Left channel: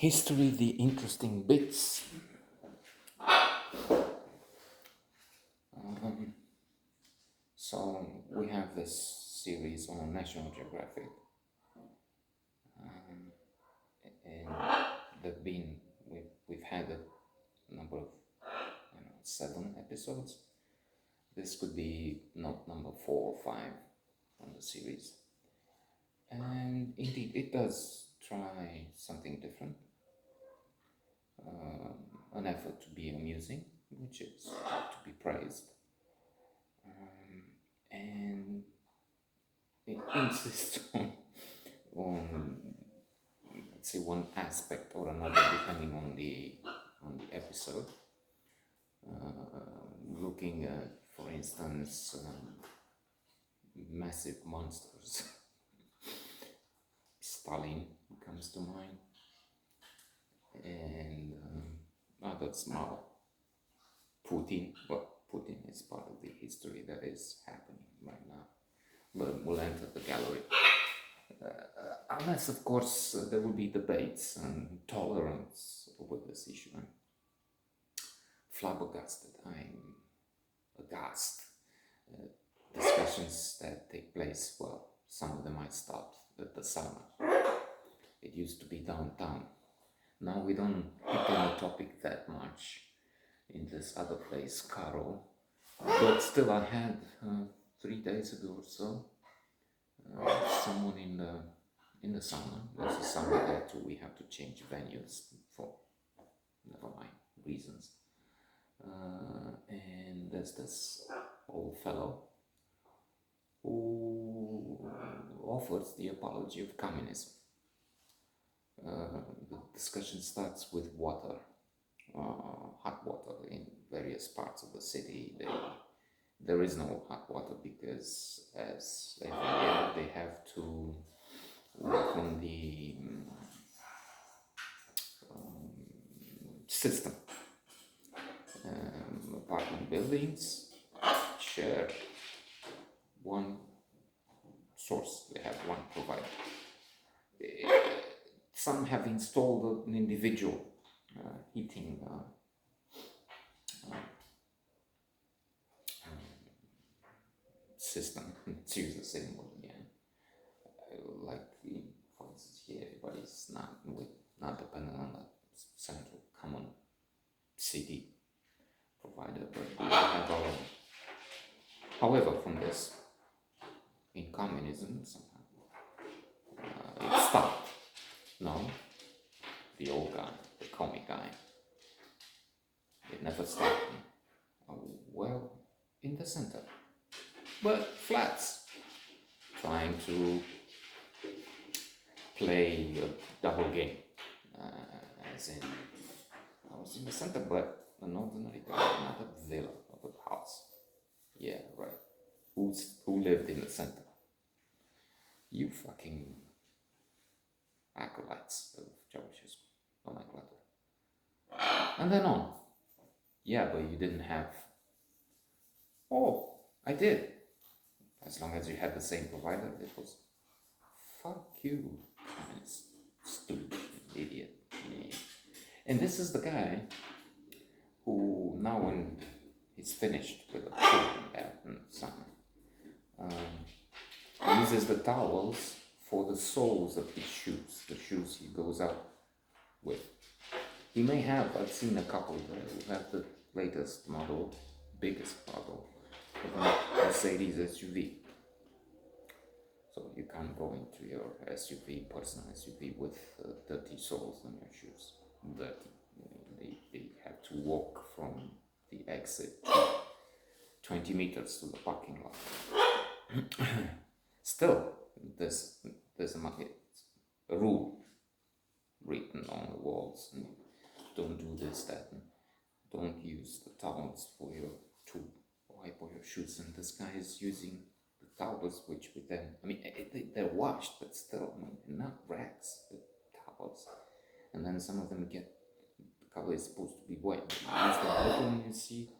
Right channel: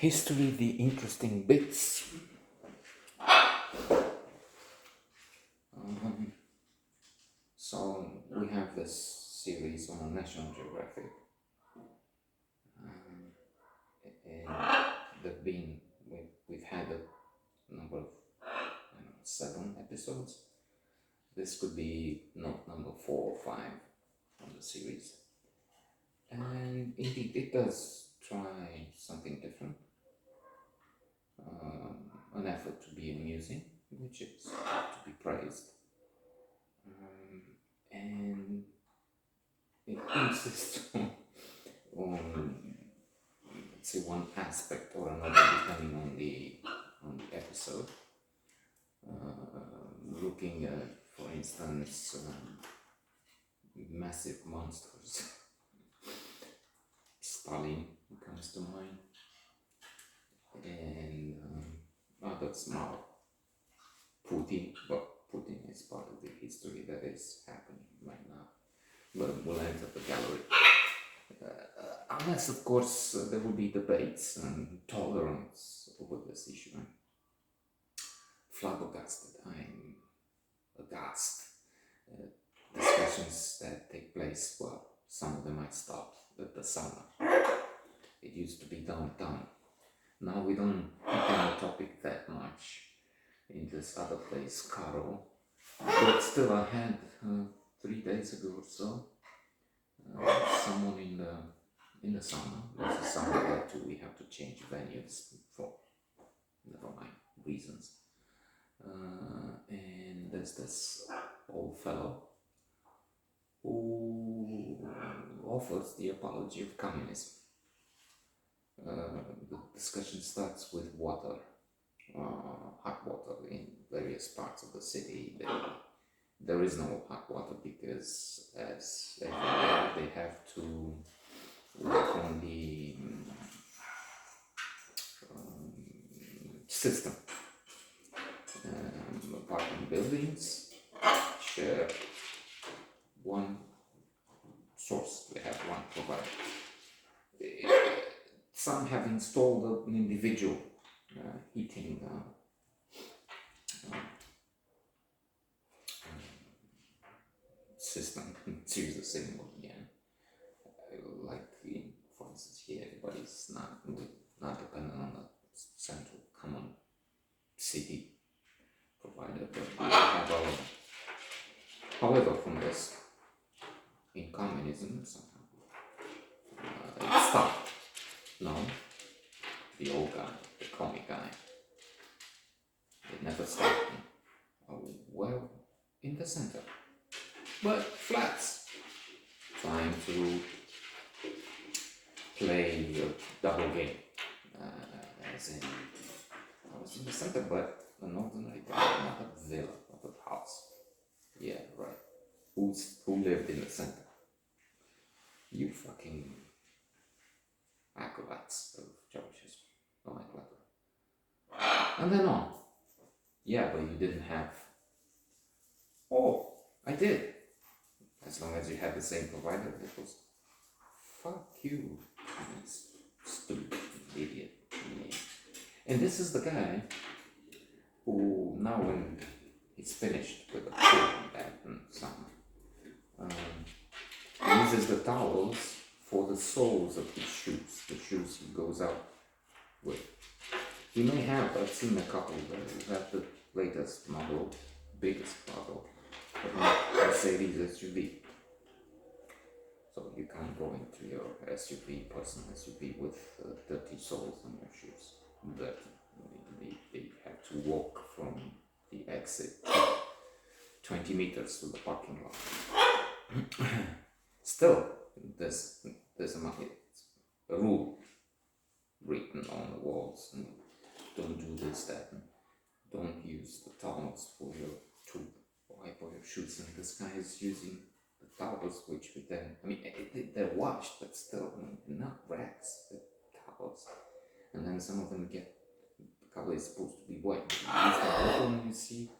History, the interesting bits. So we have this series on National Geographic, and we've had a number of 7 episodes. This could be not number 4 or 5 on the series, and indeed it does try something different. An effort to be amusing, which is to be praised, and it insists on let's say one aspect or another depending on the episode. Looking at, for instance, massive monsters. Stalin comes to mind, and other small Putin. Well, Putin is part of the history that is happening right now, but we'll enter the gallery. Unless, of course, there will be debates and tolerance over this issue. I'm flabbergasted. I'm aghast. Discussions that take place, well, some of them I stopped at the sauna. It used to be downtown. Now we don't hit any topic that much in this other place, Caro. But still, I had 3 days ago or so someone in the sauna. There's a sauna there too. We have to change venues for never mind reasons. And there's this old fellow who offers the apology of communism. The discussion starts with water, hot water in various parts of the city. There is no hot water because, as everywhere, they have to work on the system. Apartment buildings share one source, they have one provider. Some have installed an individual heating system. It's use the same word again. Like, for instance, here everybody's not dependent on a central common city provider, but we have our own. However, from this, in communism, it stopped. No, the old guy, the comic guy, it never stopped. Well, in the center, but flats, trying to play a double game, as in, I was in the center, but an ordinary guy, not a villa, not a house. Yeah, right. Who lived in the center? You fucking acolytes of Ceausescu. Oh my god. And then on. Yeah, but you didn't have. Oh, I did. As long as you had the same provider, it was. Fuck you, stupid idiot. Yeah. And this is the guy who, now when he's finished with the pool and summer, uses the towels for the soles of his shoes, the shoes he goes out with. He may have, I've seen a couple who have the latest model, biggest model, Mercedes SUV. So you can't go into your SUV, personal SUV, with dirty soles on your shoes. They have to walk from the exit 20 meters to the parking lot. Still, there's a rule written on the walls. Don't do this, that. Don't use the towels to wipe all your shoes. And this guy is using the towels, which we then, they're washed, but still, not rags, but towels. And then some of them the color is supposed to be white. You use the bottle and you see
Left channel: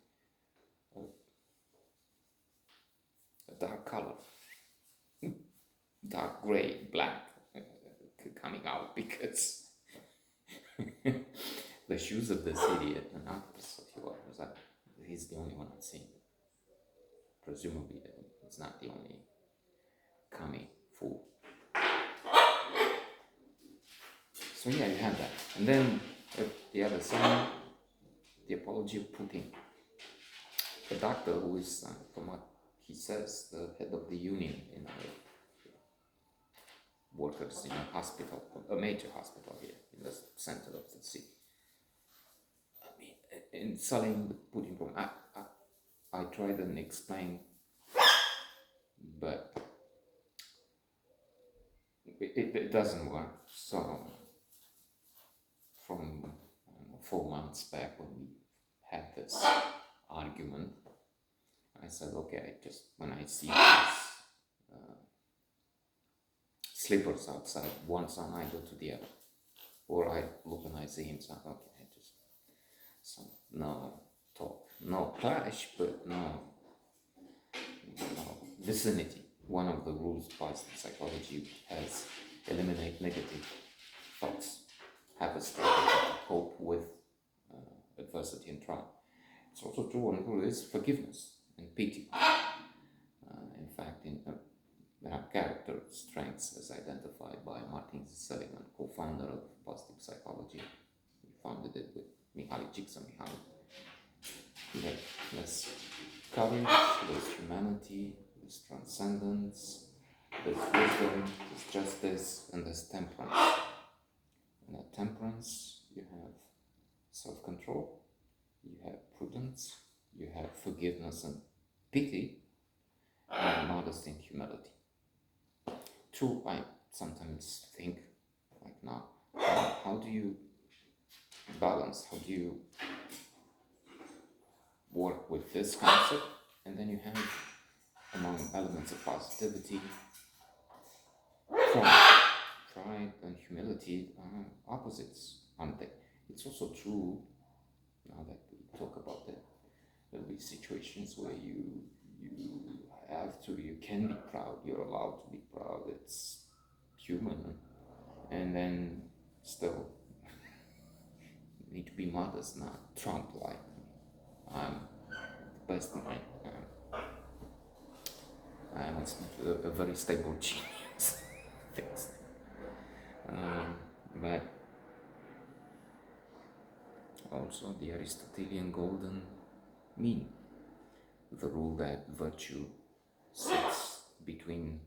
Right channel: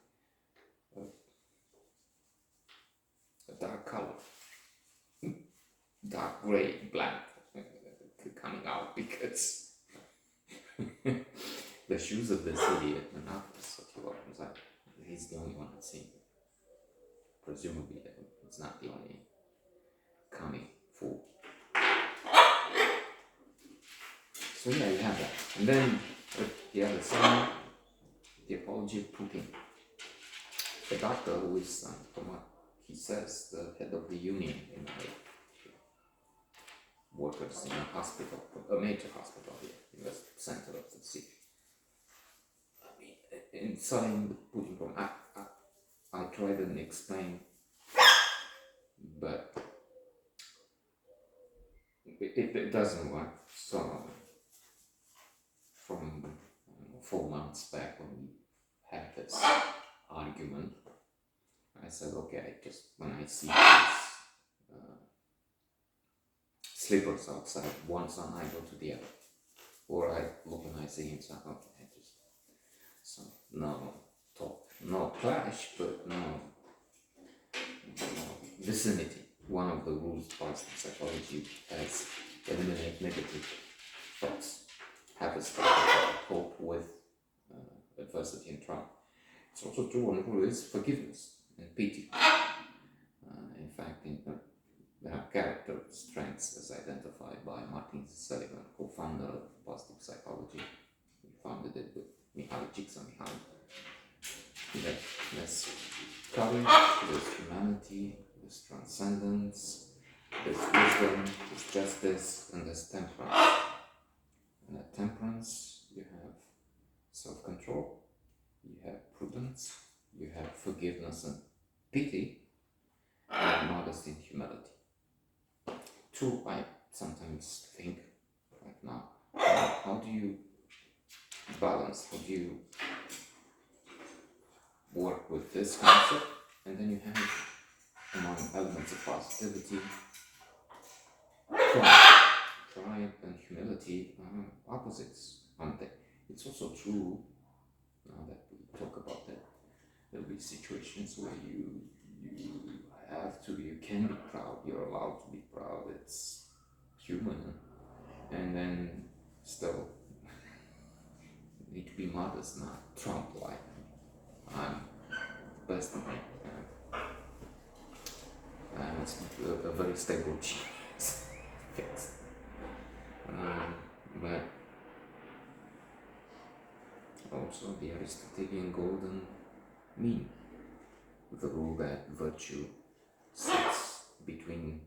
a dark color. Dark gray, black coming out because the shoes of this idiot, and that's what he was like. He's the only one I've seen. Presumably, it's not the only kami fool. So yeah, you have that. And then at the other side, the apology of Putin. The doctor who is, from what he says, the head of the union in workers in a hospital, a major hospital here in the center of the city. I mean, in selling the Putin problem, I tried and explain, but it doesn't work. So from 4 months back when we had this argument, I said, okay, I just, when I see these slippers outside, one son, I go to the other. Or I look and I see him, so okay, I just, so no talk, no clash, but no vicinity. One of the rules of positive psychology has eliminate negative thoughts, have a strategy to cope with adversity and trial. It's also true one rule is forgiveness and pity. In fact, there are character strengths as identified by Martin Seligman, co-founder of positive psychology. He founded it with Mihaly Csikszentmihalyi. There's courage, there's humanity, there's transcendence, there's wisdom, there's justice, and there's temperance. And at temperance, you have self-control, you have prudence, you have forgiveness and pity, and modesty and humility. True, I sometimes think, like now, how do you balance, how do you work with this concept? And then you have, among elements of positivity, pride and humility are opposites, aren't they? It's also true, now that we talk about that, there'll be situations where you have to, you can be proud, you're allowed to be proud, it's human, and then still need to be modest, not Trump-like. I'm the best of me. And it's a very stable genius fix. But also the Aristotelian golden mean, the rule that virtue sits between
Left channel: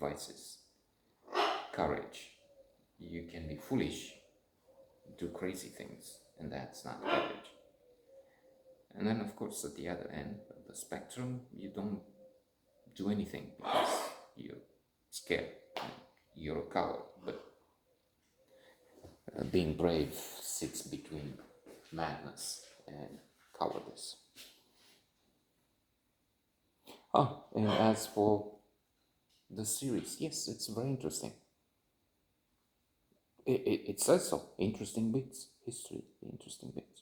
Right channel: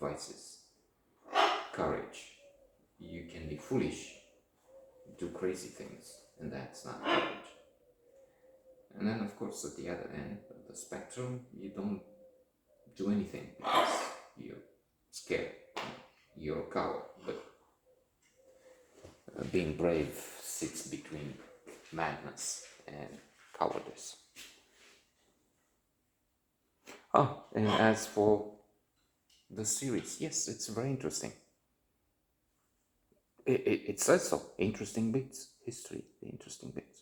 vices. Courage. You can be foolish, do crazy things, and that's not courage. And then, of course, at the other end of the spectrum, you don't do anything because you're scared. You're a coward. But being brave sits between madness and cowardice. Oh, and as for the series, yes, it's very interesting. It says so. Interesting bits, history, interesting bits.